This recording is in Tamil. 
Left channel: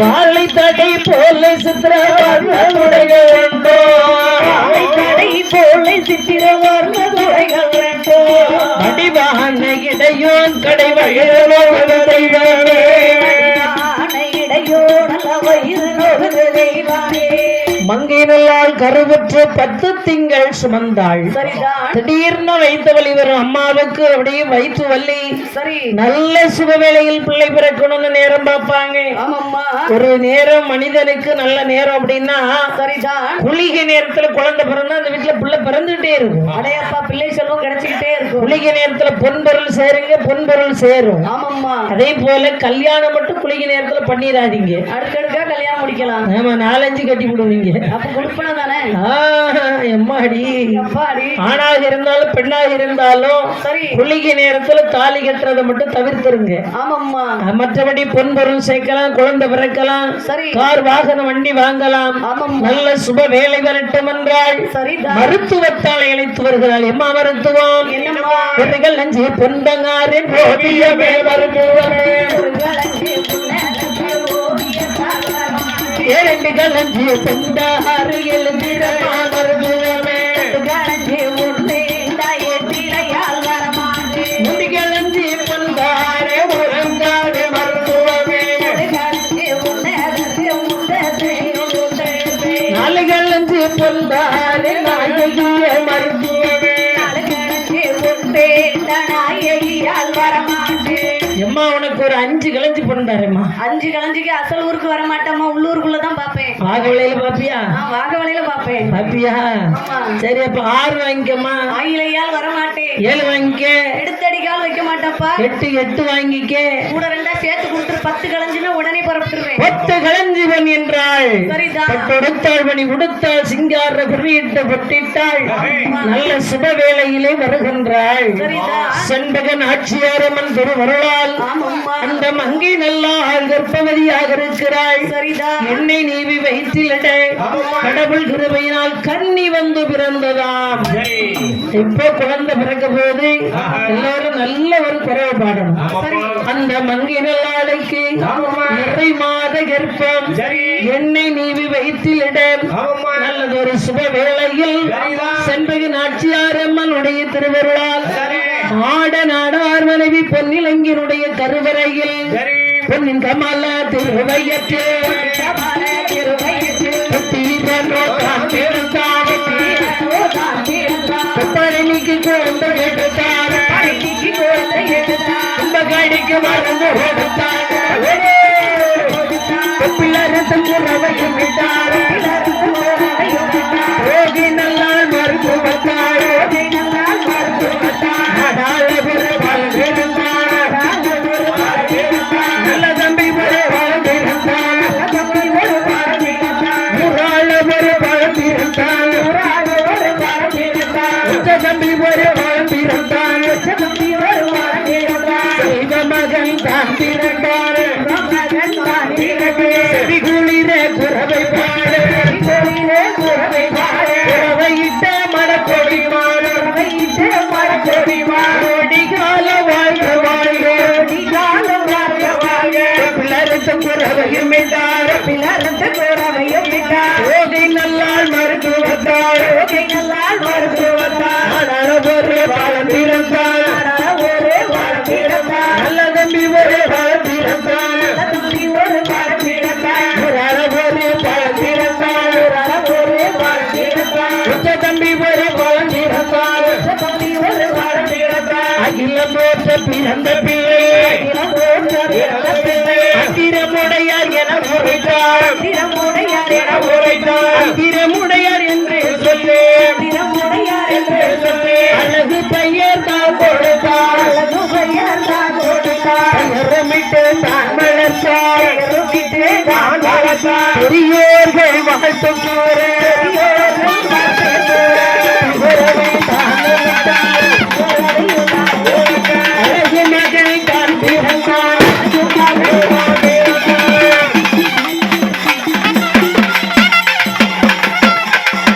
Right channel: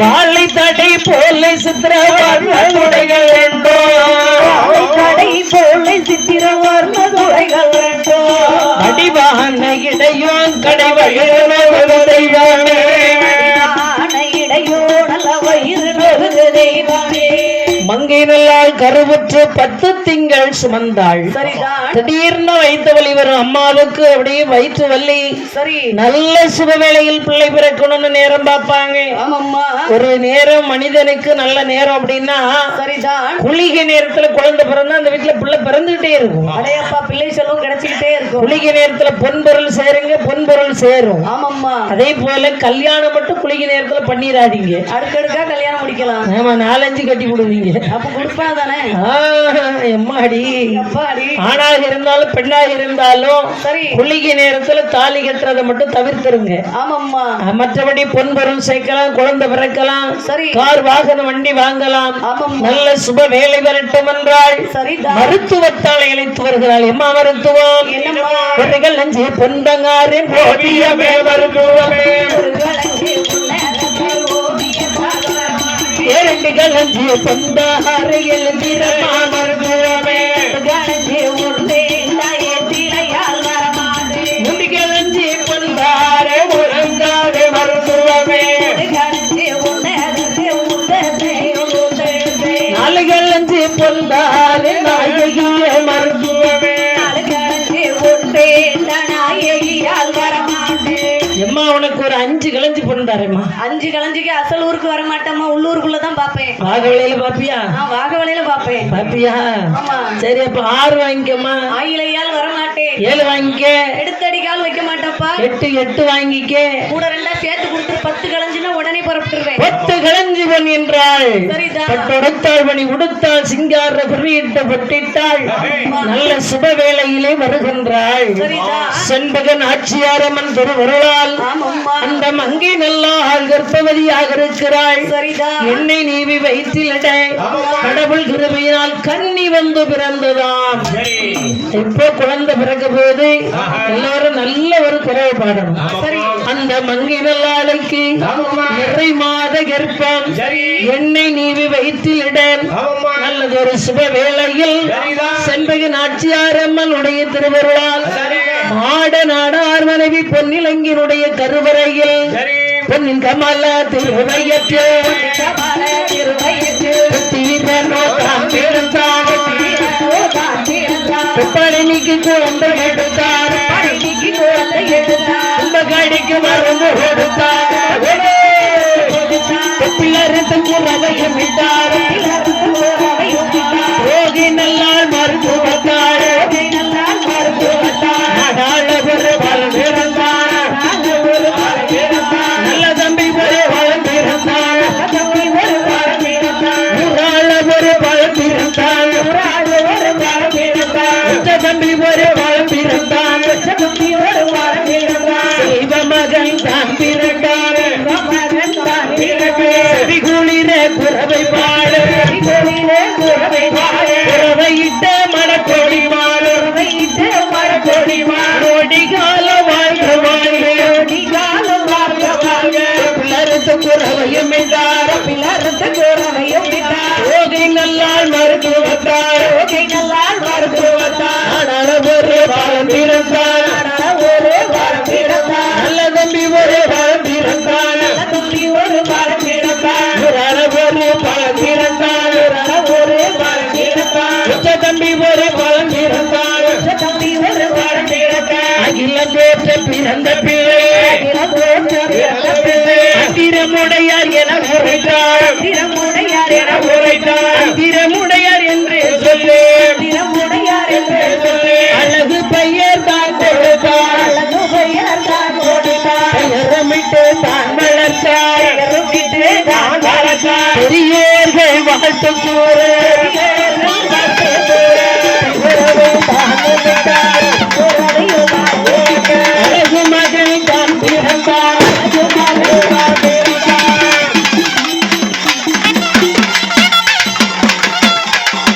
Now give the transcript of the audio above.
வாழை தடை போல சித்திரவர்மதுடைகள் உண்டோ தடை போல சித்திரவர்மதுடைகள் உண்டோ அடிவான இடையோன் கடை வயிறு தெய்வமே இடையோடல வயிறு தெய்வமே மங்கை நல்லால் கருவுற்று 10 திங்கள் சுமந்தாள். திடீர்னு வயிற்று வலி வரும் அம்மாவுக்கு. அப்படியே வயிற்று வலி நல்ல சுபவேளையில் பிள்ளை பிறக்கணும்னு நேரம் பார்ப்பாங்க. ஒரு நேரம் மனிதனுக்கு நல்ல நேரம் அப்படின்னா குளிகை நேரத்துல குழந்தை பிறந்தா அந்த வீட்டுல பிள்ளை பிறந்துகிட்டே இருக்கும். அடையப்பா பிள்ளை செல்வம் கிடைச்சிக்கிட்டே இருக்கும். குளிகை நேரத்துல பொன்பொருள் சேருங்க, பொன்பொருள் சேரும். ஆமாம்மா. அதே போல கல்யாணம் மட்டும் குளிகை நேரத்துல பண்ணிடாதீங்க. அடுக்கடுக்கா கல்யாணம் முடிக்கலாம். ஆமா, 4-5 கட்டி விடுவீங்க. அப்ப கொடுப்பா தானே. எம்மாடி ஆணாக இருந்தாலும் பெண்ணாக இருந்தாலும் குளிகை நேரத்துல தாலி கட்டுறதை மட்டும் தவிர்த்துருங்க. ஆமாம்மா. மற்றபடி பொன்பொருள் சேர்க்கலாம், குழந்தை பிறக்கலாம், கார் வாகனம் வண்டி வாங்கலாம். நல்ல சுப வேலை வரட்டும் என்றால் மருத்துவத்தால் இழைத்து வருகிறாள். எம்மா மருத்துவம் நஞ்சு பொந்தங்காரு இரண்டு கலஞ்சிய பொந்தாறு எழுதிரமா மருத்துவமே முடி கலஞ்சிய பொந்தாறு உறங்காடு மருத்துவமே நாலு கலஞ்சிய பொந்தாறு நாயகிய மருத்துவமே எம்மா உனக்கு ஒரு 5 கிளஞ்சி பொண்டாரம்மா. 5 கிளஞ்சிக்கு அசல் ஊருக்கு வர மாட்டேம்மா, உள்ளூருக்குள்ளதான் பாப்பேன். வாகவலையில பாப்பியா? வாகவலையில பாப்பேன். பாப்பியா? சரி, அப்ப 6 வாங்கிக்கம்மா. ஆயிலையால் வர மாட்டேன். 7 வாங்கிக்க. எடுத்தடிக்கால் வைக்க மாட்டப்பா. 8 வாங்கிக்க. கூட 2 சேர்த்து கொடுத்துரு. 10 கிளஞ்சினா உடனே புறப்பட்டுருவேன். 10 கிளஞ்சி பொன் என்றாள். பட்டொடுத்தாள் பணி உடுத்தாள் சிங்கார குறியிட்ட பொட்டிட்டாள். நல்ல சுப வேளையிலே வருகின்றாள். செண்பகன் ஆட்சியாரம்மன் திருவருளால் அந்த மங்கை நல்லா கர்ப்பவதியாக இருக்கிறாள். என்னை நீவி வயிற்றிலிட கடவுள் கிருபையினால் கன்னி வந்து பிறந்ததாம். இப்போ குழந்தை பிறக்க போது எல்லாரும் நல்ல ஒரு குறைவு பாடணும். அந்த மங்கை நல்லாளுக்கு நிறை மாத கர்ப்பம் என்னை நீவி வயிற்றிலிட நல்லதொரு சுப வேளையில் செண்பகன் ஆட்சியாரம்மனுடைய திருவருளால் ஆட நாடார் மனைவி பொன்னிலங்கினுடைய கருவறையில் பொன்னின் கமல திருவையத்தில் பழனிக்கு குழந்தை எடுத்தார். கும்பகாடிக்கு மருந்து கொடுத்தார். ரவையும் விட்டார். ரோகி நல்லால் மருத்துவத்தார். நல்ல தம்பி ஒரு வளர்ந்திருந்தார். ஒரு வளர்ந்திருந்தார். தம்பி ஒரு வளர்ந்திருந்தார். தெய்வ மகன் தான் பிறந்தார். குளிர குறவை பாடு. குறவையிட்ட மரக்கொடி மாறு. கோடிகால வாழ்க வாழ்க. பிளரத்து குறவையும் விட்டார். ஓகை நல்லால் மருத்துவத்தார். ஒரு வாரம் பிறந்தார். நல்ல தம்பி ஒரு வாரம் பிறந்தார். ஒரு பழம் பிறந்தார். தம்பி ஒரு பழம் பிறந்தார். அகிலம் போற்ற பிறந்த பிள்ளை அகிரமுடையார் என உரைத்தார். அகிரமுடையார் என்று சொல்லு. அழகு பெயர் தான் கொடுத்தார். தான் வளர்த்தார். பெரியோர்கள் வாழ்த்து கூறு.